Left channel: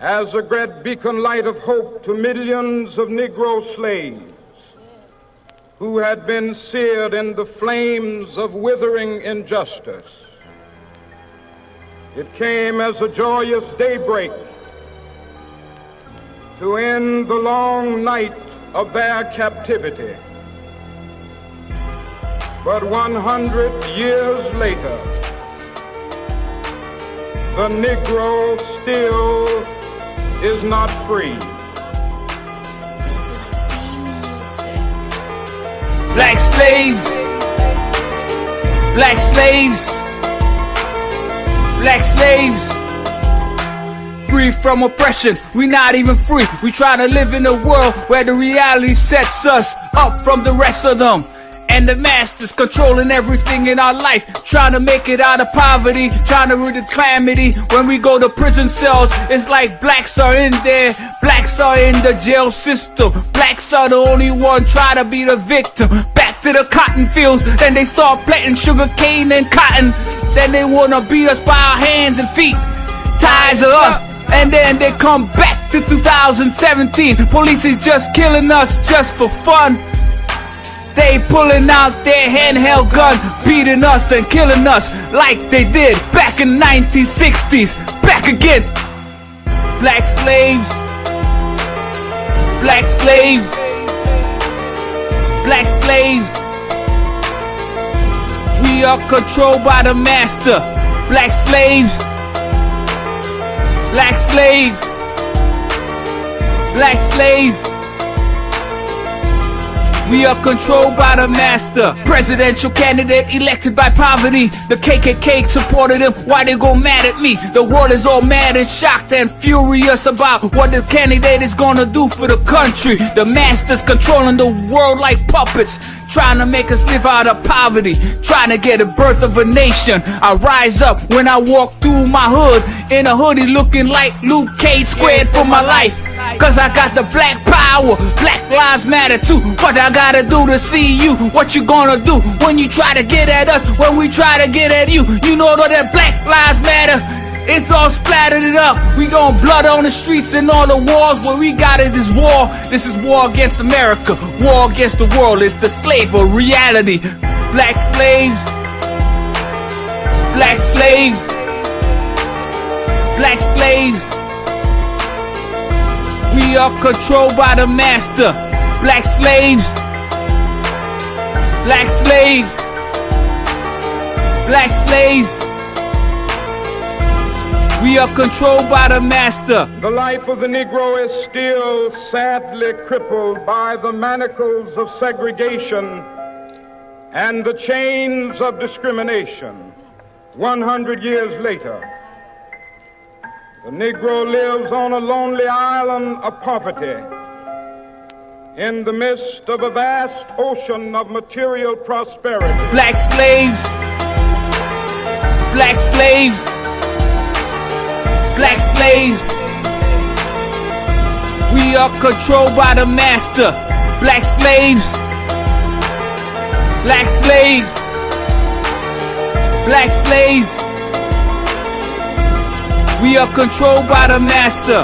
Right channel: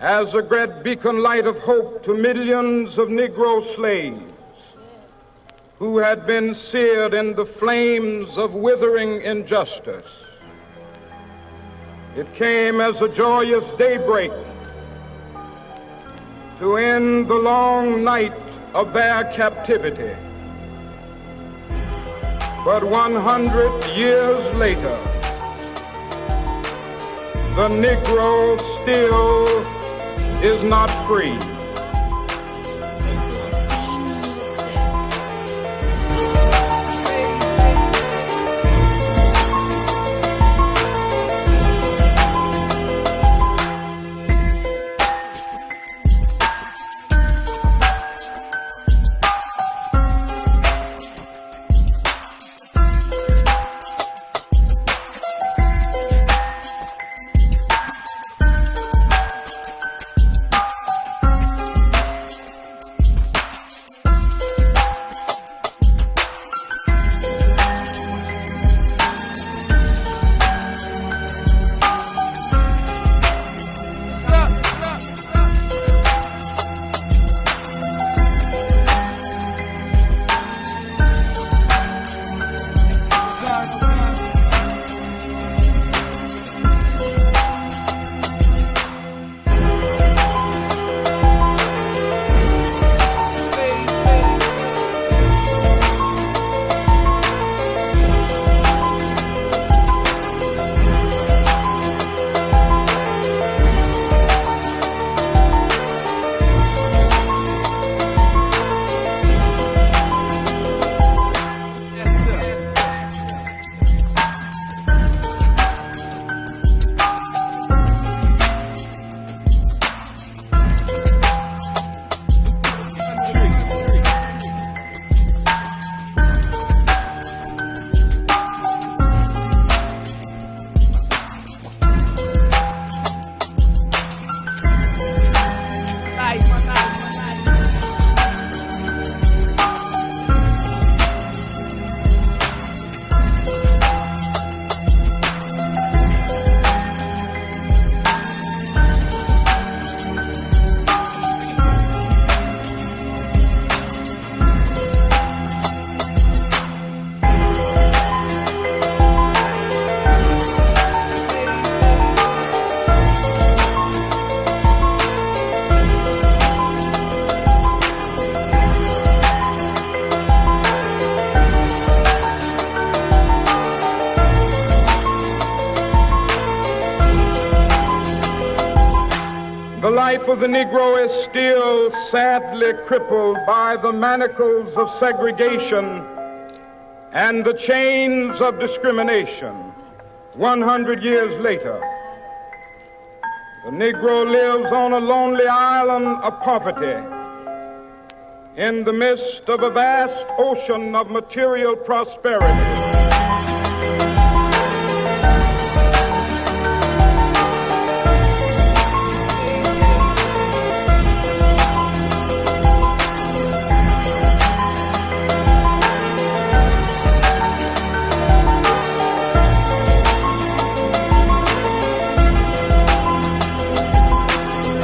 as a great beacon light of hope to millions of Negro slaves who had been seared in the flames of withering injustice. It came as a joyous daybreak to end the long night of their captivity. But 100 years later, the Negro still is not free. Black slaves, black slaves, black slaves. Free from oppression, we not even free. We try to live in a world where the reality sets us up from the rest of them. And the masters controlling everything in our life, trying to make it out of poverty, trying to rid of calamity. When we go to prison cells, it's like blacks are in there, blacks are in the jail system. Blacks are the only one trying to be the victim. Back to the cotton fields, then they start planting sugar cane and cotton. Then they wanna beat us by our hands and feet, ties of us. And then they come back to 2017. Police is just killing us just for fun. They pulling out their handheld gun, beating us and killing us like they did back in the 1960s. Back again. Black slaves, black slaves, black slaves. We are controlled by the master. Black slaves, black slaves, black slaves. We are controlled by the master. Presidential candidate elected by poverty. The KKK supported him. Why they go mad at me? The world is all mad and shocked and furious about what the candidate is gonna do for the country. The masters controlling the world like puppets, trying to make us live out of poverty, trying to get a birth of a nation. I rise up when I walk through my hood in a hoodie looking like Luke Cage, squared for my life. Cause I got the black power. Black lives matter too. What I gotta do to see you? What you gonna do when you try to get at us? When we try to get at you? You know that black lives matter. It's all splattered up. We gon' blood on the streets and all the wars. What we got is this war. This is war against America. War against the world. It's the slave of reality. Black slaves, black slaves, black slaves. We are controlled by the master. Black slaves, black slaves, black slaves. We are controlled by the master. The life of the Negro is still sadly crippled by the manacles of segregation and the chains of discrimination. 100 years later, the Negro lives on a lonely island of poverty in the midst of a vast ocean of material prosperity. Black slaves, black slaves, black slaves. We are controlled by the master. Black slaves, black slaves, black slaves. We are controlled by the master.